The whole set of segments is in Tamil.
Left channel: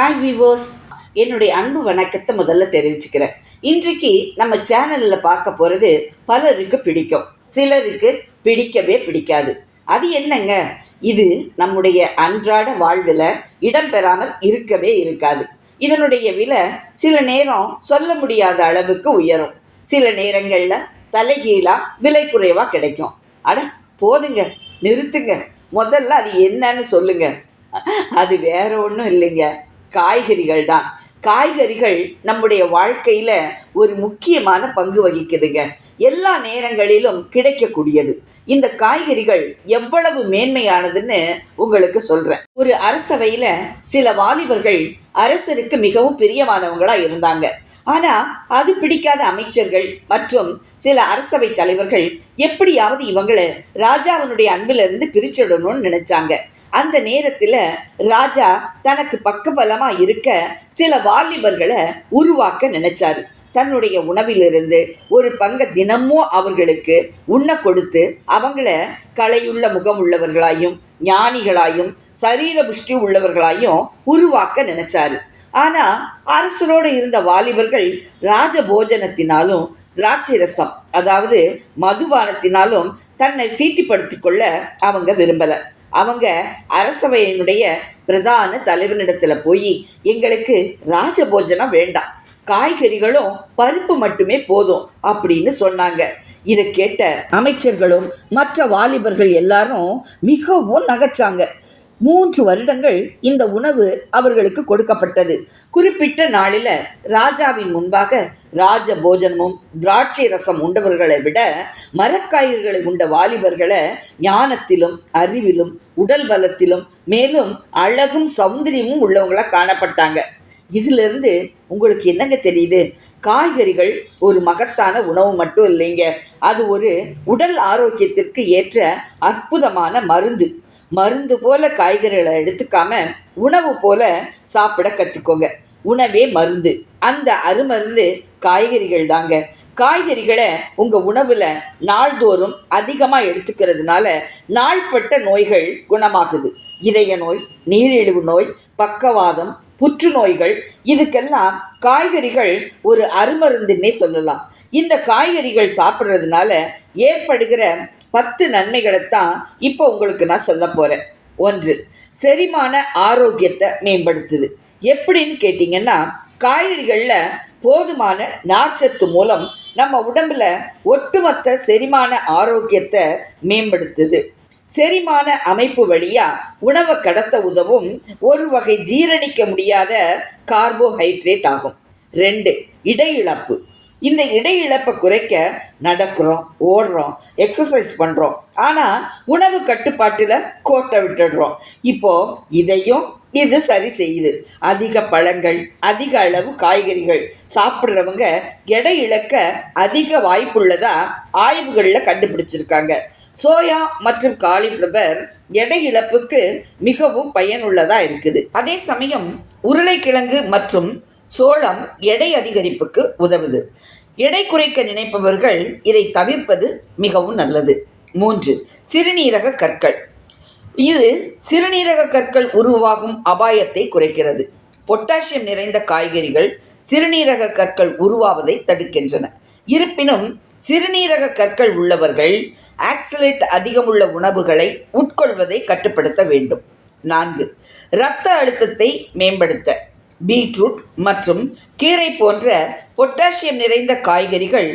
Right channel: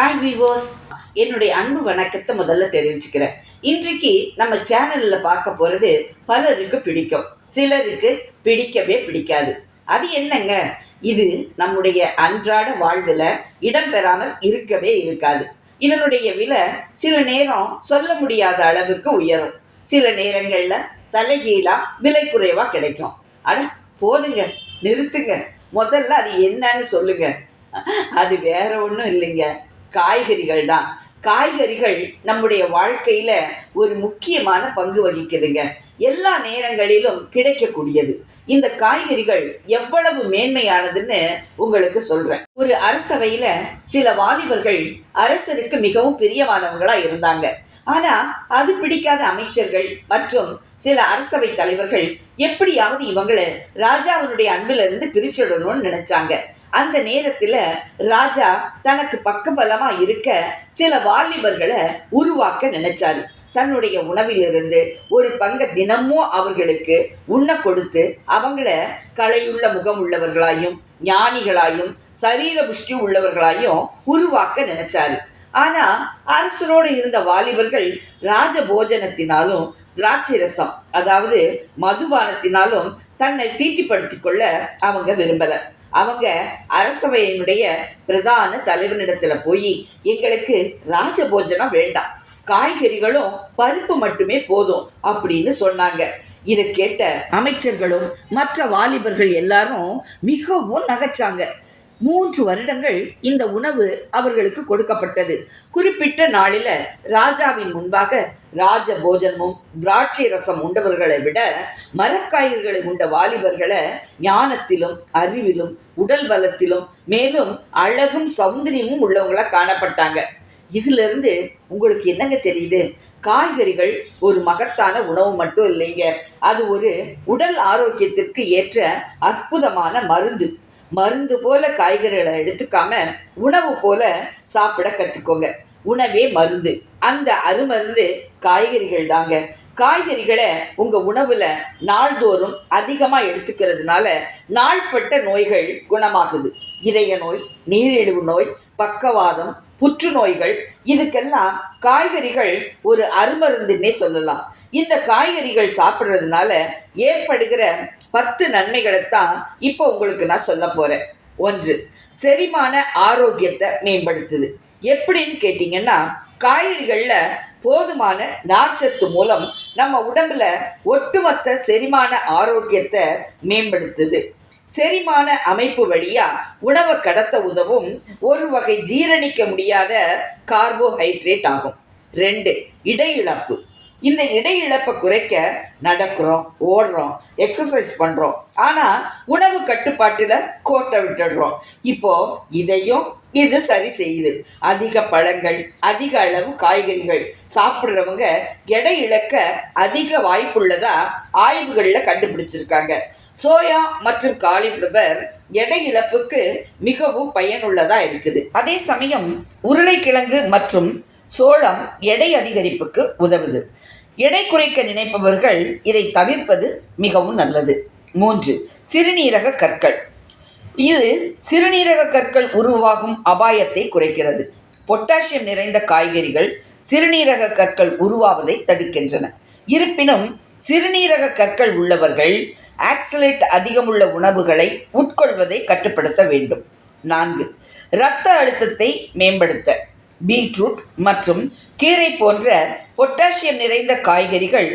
ஹாய் விவோஸ் என்னுடைய அன்பு வணக்கத்தை முதல்ல தெரிவிச்சுக்கிறேன். இன்றைக்கு நம்ம சேனலில் பார்க்க போகிறது பலருக்கு பிடிக்கும். சிலருக்கு பிடிக்கவே பிடிக்காது. அது என்னங்க? இது நம்முடைய அன்றாட வாழ்வில் இடம்பெறாமல் இருக்கவே இருக்காது. இதனுடைய விலை சில நேரம் சொல்ல முடியாத அளவுக்கு உயரும். சில நேரங்களில் தலைகீழாக விலை குறைவாக கிடைக்கும். அட போதுங்க நிறுத்துங்க. முதல்ல அது என்னன்னு சொல்லுங்க. அது வேற ஒன்றும் இல்லைங்க. காய்கறிகள் தான் காய்கறிகள் நம்முடைய வாழ்க்கையில் ஒரு முக்கியமான பங்கு வகிக்குதுங்க. எல்லா நேரங்களிலும் கிடைக்கக்கூடியது. இந்த காய்கறிகள் எவ்வளவு மேன்மையானதுன்னு உங்களுக்கு சொல்றேன். ஒரு அரசவையில சில வாலிபர்கள் அரசருக்கு மிகவும் பிரியமானவங்களாக இருந்தாங்க. ஆனா அது பிடிக்காத அமைச்சர்கள் மற்றும் சில அரசவை தலைவர்கள் எப்படியாவது இவங்களை ராஜாவினுடைய அன்பிலிருந்து பிரிச்சிடணும்னு நினைச்சாங்க. அந்த நேரத்தில் ராஜா தனக்கு பக்கபலமாக இருக்க சில வாலிபர்களை உருவாக்க நினைச்சாரு. தன்னுடைய உணவிலிருந்து ஒரு பங்கை தினமும் அவர்களுக்கு உண்ண கொடுத்து அவங்கள கலையுள்ள முகம் உள்ளவர்களாயும் ஞானிகளாயும் சரீர புஷ்டி உள்ளவர்களாயும் உருவாக்க நினைச்சாரு. ஆனா அரசரோடு இருந்த வாலிபர்கள் ராஜ போஜனத்தினாலும் திராட்சை ரசம் அதாவது மதுபானத்தினாலும் தன்னை தீட்டிப்படுத்திக் கொள்ள அவங்க விரும்பல. அவங்க அரசவையினுடைய பிரதான தலைவனிடத்தில் போய் எங்களுக்கு ராஜபோஜனம் வேண்டாம். காய்கறிகளும் பருப்பு மட்டுமே போதும் அப்படின்னு சொன்னாங்க. இதை கேட்ட அமைச்சர்களும் மற்ற வாலிபர்கள் எல்லாரும் மிகவும் நகைச்சாங்க. மூன்று வருடங்கள் இந்த உணவு அவர்களுக்கு கொடுக்கப்பட்டது. குறிப்பிட்ட நாளில் ராஜாவின் முன்பாக ராஜ போஜனமும் திராட்சை ரசம் உண்டவர்களை விட மரக்காய்களை உண்ட வாலிபர்களை ஞானத்திலும் அறிவிலும் உடல் பலத்திலும் மேலும் அழகும் சௌந்தரியமும் உள்ளவங்களா காணப்பட்டாங்க. இதிலிருந்து உங்களுக்கு என்னங்க தெரியுது? காய்கறிகள் ஒரு மகத்தான உணவு மட்டும் இல்லைங்க. அது ஒரு உடல் ஆரோக்கியத்திற்கு ஏற்ற அற்புதமான மருந்து. மருந்து போல காய்கறிகளை எடுத்துக்காம உணவு போல சாப்பிட கற்றுக்கோங்க உணவே மருந்து. அந்த அருமருந்து காய்கறிகள் தாங்க. காய்கறிகளை உங்கள் உணவில் நாள்தோறும் அதிகமாக எடுத்துக்கிறதுனால நாள்பட்ட நோய்கள் குணமாகுது. இதய நோய் நீரிழிவு நோய் பக்கவாதம் புற்றுநோய்கள் இதுக்கெல்லாம் காய்கறிகள் ஒரு அருமருந்துன்னே சொல்லலாம். இந்த காய்கறிகள் சாப்பிட்றதுனால ஏற்படுகிற பத்து நன்மைகளைத்தான் இப்போ உங்களுக்கு நான் சொல்ல போகிறேன் ஒன்று செரிமான ஆரோக்கியத்தை மேம்படுத்துது. எப்படின்னு கேட்டிங்கன்னா காய்கறிகளில் போதுமான நார்ச்சத்து மூலம் நம்ம உடம்புல ஒட்டுமொத்த செரிமான ஆரோக்கியத்தை மேம்படுத்துது. செரிமான அமைப்பு வழியாக உணவை கடத்த உதவும் ஒரு வகை ஜீரணிக்க முடியாத கார்போஹைட்ரேட் ஆகும். ரெண்டு இடையிழப்பு. இந்த இடை இழப்பை குறைக்க நடக்கிறோம் ஓடுறோம் எக்ஸசைஸ் பண்ணுறோம் ஆனால் உணவு கட்டுப்பாட்டில் கோட்டை விட்டுடுறோம். இப்போது இதையும் இது சரி செய்யுது. அதிக பழங்கள் அதிக அளவு காய்கறிகள் சாப்பிட்றவங்க எடை இழக்க அதிக வாய்ப்புள்ளதா ஆய்வுகளில் கண்டுபிடிச்சிருக்காங்க. சோயா மற்றும் காலிஃப்ளவர் எடை இழப்புக்கு மிகவும் பயனுள்ளதாக இருக்குது. அதே சமயம் உருளைக்கிழங்கு மற்றும் சோளம் எடை அதிகரிப்புக்கு உதவுது. எடை குறைக்க நினைப்பவர்கள் இதை தவிர்ப்பது மிகவும் நல்லது. மூன்று சிறுநீரக கற்கள். இது சிறுநீரக கற்கள் உருவாகும் அபாயத்தை குறைக்கிறது. பொட்டாசியம் நிறைந்த காய்கறிகள் சிறுநீரக கற்கள் உருவாவதை தடுக்கின்றன. இருப்பினும் சிறுநீரக கற்கள் உள்ளவர்கள் ஆக்சலேட் அதிகமுள்ள உணவுகளை உட்கொள்வதை கட்டுப்படுத்த வேண்டும். நான்கு இரத்த அழுத்தத்தை மேம்படுத்த. பீட்ரூட் மற்றும் கீரை போன்ற பொட்டாசியம் நிறைந்த காய்கறிகள்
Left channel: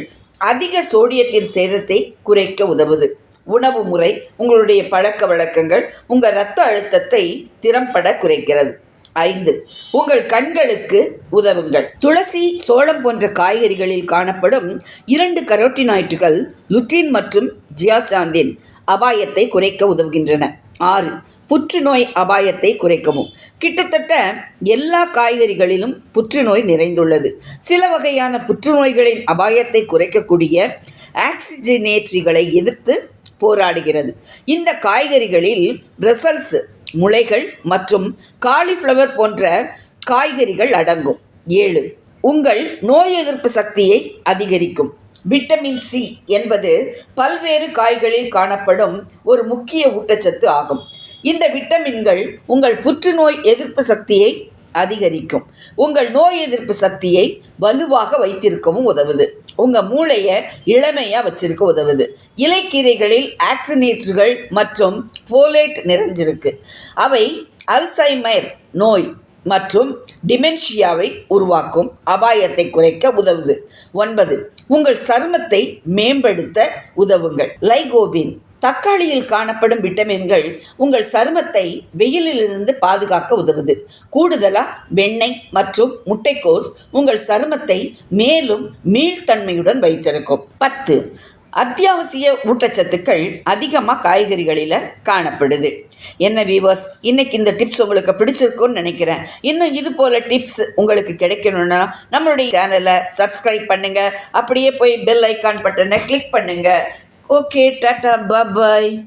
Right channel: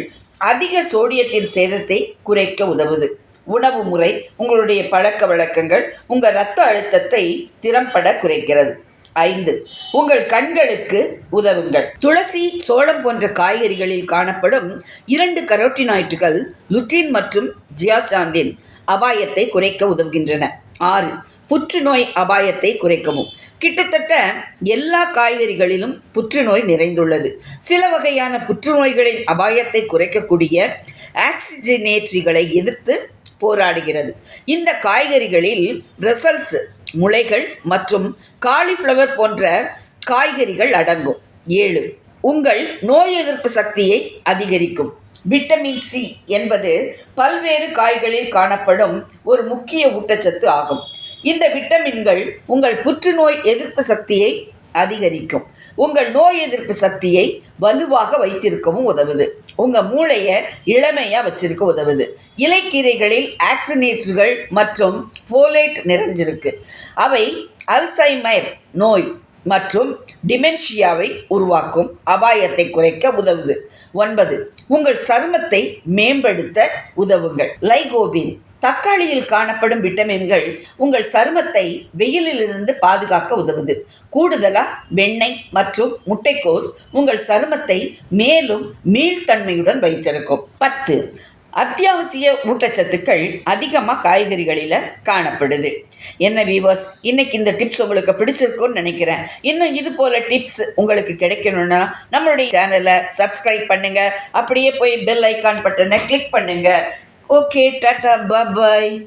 அதிக சோடியத்தின் சேதத்தை குறைக்க உதவுது. உணவு முறை உங்களுடைய பழக்க வழக்கங்கள் உங்கள் இரத்த அழுத்தத்தை திறம்பட குறைக்கிறது. ஐந்து உங்கள் கண்களுக்கு உதவுங்கள். துளசி சோளம் போன்ற காய்கறிகளில் காணப்படும் இரண்டு கரோட்டினாய்டுகள் லுட்டின் மற்றும் ஜியாசாந்தின் அபாயத்தை குறைக்க உதவுகின்றன. ஆறு புற்றுநோய் அபாயத்தை குறைக்கவும். கிட்டத்தட்ட எல்லா காய்கறிகளிலும் புற்றுநோய் நிறைந்துள்ளது. சில வகையான புற்றுநோய்களின் அபாயத்தை குறைக்கக்கூடிய ஆக்சிஜனேற்றிகளை எதிர்த்து போராடுகிறது. இந்த காய்கறிகளில் பிரசல்ஸ் முளைகள் மற்றும் காலிஃப்ளவர் போன்ற காய்கறிகள் அடங்கும். ஏழு உங்கள் நோய் எதிர்ப்பு சக்தியை அதிகரிக்கும். விட்டமின் சி என்பது பல்வேறு காய்களில் காணப்படும் ஒரு முக்கிய ஊட்டச்சத்து ஆகும். இந்த விட்டமின்கள் உங்கள் புற்றுநோய் எதிர்ப்பு சக்தியை அதிகரிக்கும். உங்கள் நோய் எதிர்ப்பு சக்தியை வலுவாக வைத்திருக்கவும் உதவுது. உங்கள் மூளையை இளமையாக வச்சிருக்க உதவுது. இலைக்கீரைகளில் ஆக்சினேட்டுகள் மற்றும் ஃபோலேட் நிறைஞ்சிருக்கு. அவை அல்சைமர் நோய் மற்றும் டிமென்ஷியாவை உருவாக்கும். அபாயத்தை குறைக்க உதவுது. ஒன்பது உங்கள் சருமத்தை மேம்படுத்த உதவுங்கள். லைகோபின் தக்காளியில் காணப்படும் விட்டமின்கள் உங்கள் சருமத்தை வெயிலிலிருந்து பாதுகாக்க உதவுது. கூடுதலாக வெண்ணெய் மற்றும் முட்டைக்கோஸ் உங்கள் சருமத்தை மேலும் மீள்தன்மையுடன் வைத்திருக்கும். பத்து அத்தியாவசிய ஊட்டச்சத்துக்கள் அதிகமாக காய்கறிகளில் காணப்படுது. என்ன வீவர்ஸ் இன்னைக்கு இந்த டிப்ஸ் உங்களுக்கு பிடிச்சிருக்கும்னு நினைக்கிறேன். இன்னும் இது போல் டிப்ஸ் உங்களுக்கு கிடைக்கணும்னா நம்மளுடைய சேனலை சப்ஸ்கிரைப் பண்ணுங்க. அப்படியே போய் பெல் ஐக்கான் பட்டனை click okay tata bye bye